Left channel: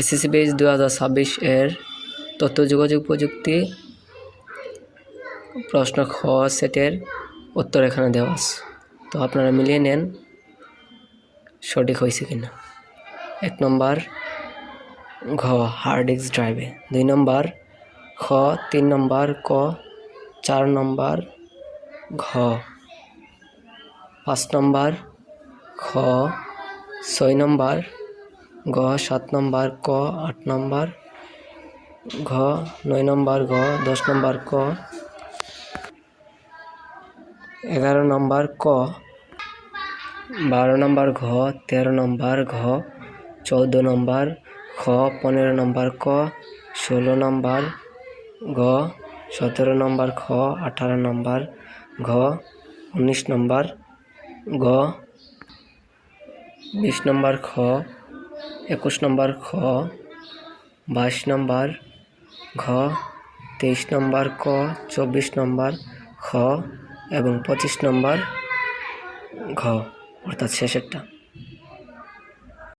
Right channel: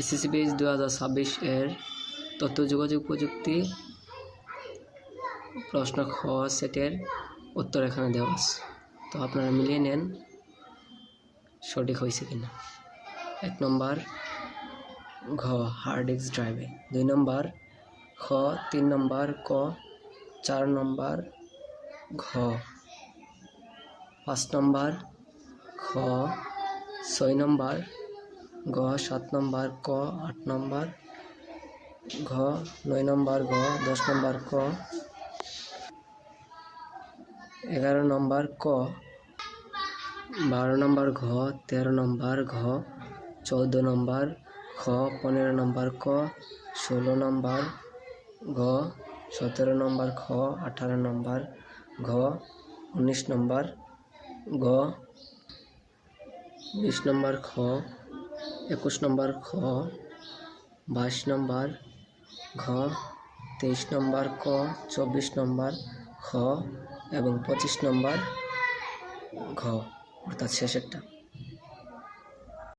SSC base 2026 এর তথ্য যোগাযোগ প্রযুক্তি প্রশ্ন খ সেটের উত্তর এখানে দেওয়া আছে। তো আপনারা মিলিয়ে নেন সঠিক হয়েছে কিনা। 1 নম্বর ঘ হার্ড ডিস্ক ড্রাইভে, 2 নম্বর খ, 3 নম্বর ক, 4 নম্বর ঘ, 5 নম্বর খ, 6 নম্বর গ, 7 নম্বর ক, 8 নম্বর ঘ, 9 নম্বর ঘ, 10 নম্বর ক, 11 নম্বর ক, 12 নম্বর ঘ, 13 নম্বর ঘ, 14 নম্বর খ, 15 নম্বর ক, 16 নম্বর ঘ, 17 নম্বর খ, 18 নম্বর ঘ, 19 নম্বর ঘ, 20 নম্বর খ, 21 নম্বর খ, 22 নম্বর ঘ, 23 নম্বর ক, 24 নম্বর খ এবং 25 নম্বর ঘ, অর্থাৎ শেষেরটা।